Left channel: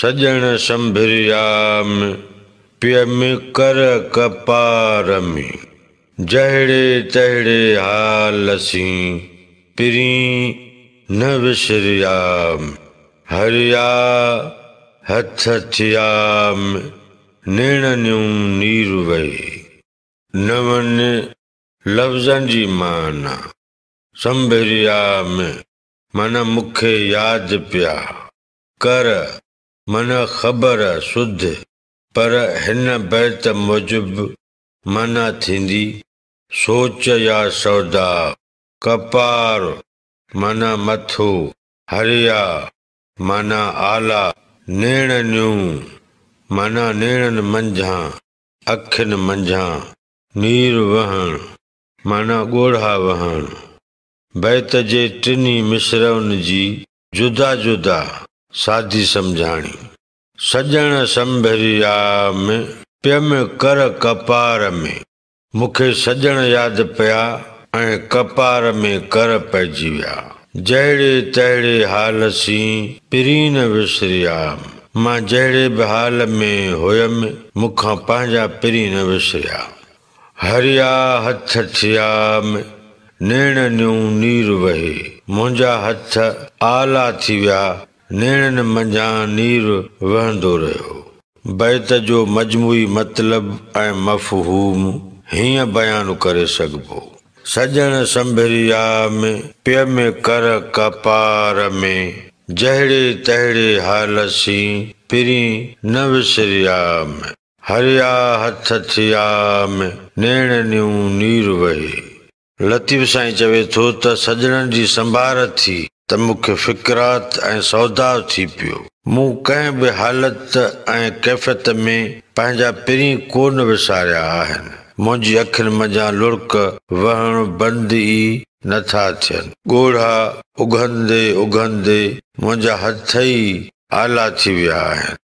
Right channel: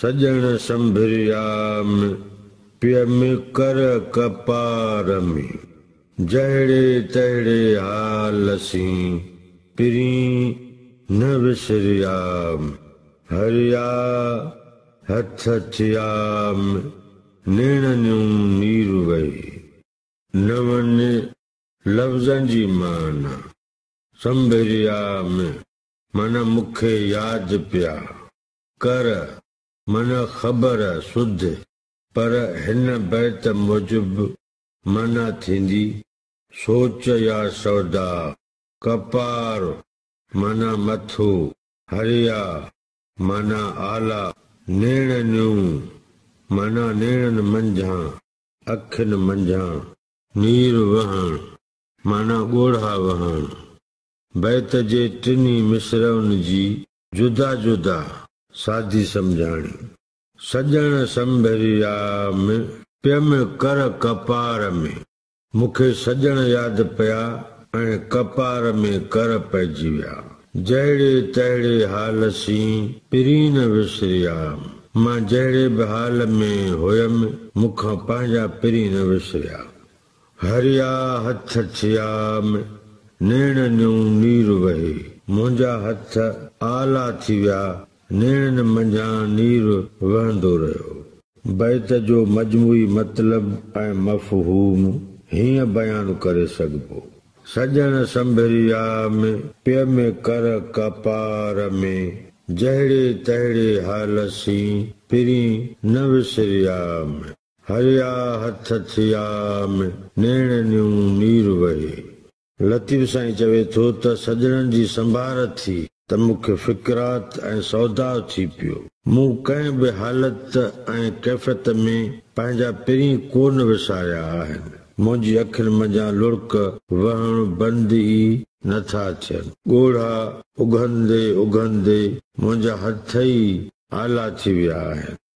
सजण संभिरियाम पिय में कर कपार में। जहिड़े तहिड़े हाल असीं पिरी न विसरियाम। हरिया हथ थियाम नेणनियूं नीर वही। नवन लफ़्ज़नि जी माना संभिरियाम माना मूंखे यादि पिया। कर माना ख़बर सुध पर हिन बैत मूजिब माना थींदी सोच या सौदा। कपार माना मथो। हरिया माना आला। नेणनियूं माना नेणनि मंझां अखियुनि मंझां। नीर वहण माना ॻोढ़ा वहण। बैत जे टिनी मिसरनि जी जुदा जुदा सादी सम्झाणी। सजण संभिरियाम पिय में कर कपार में। मूंखे सजण यादि पिया ऐं कपार में कर पइजी विया। जहिड़े तहिड़े हाल सी पिरी न विसरियाम। मां जहिड़े बि हाल में हुयमि मूंखां पंहिंजा पिरी न विसरिया। हरिया हथ थियाम नेणनियूं नीर वही। मुंहिंजा हथ आला थी विया नेणनि मंझां नीर वहंदो रहियो। बैत जो मजमूई मतिलब ऐं मफ़हूम हीअं बयानु करे सघिबो। सजण संभिरियाम पिय में कर कपार में। जहिड़े तहिड़े हाल सी पिरी न विसरियाम। हरिया हथ थियाम नेणनियूं नीर वही। लतीफ़ साईं चवे थो त सजणनि जी संभार थी त मूंखे फ़िक्रात ऐं सौदा थी पियो। मूं कंहिं बि हालत ऐं कैफ़ियत में पंहिंजा पिरी कोन विसारिया आहिनि। मुंहिंजी अखियुनि मंझां लुड़क वहण बंदि ई नथा थियनि। ॻोढ़ा उघंदे उघंदे मुंहिंजा हथ ई आला थी विया आहिनि।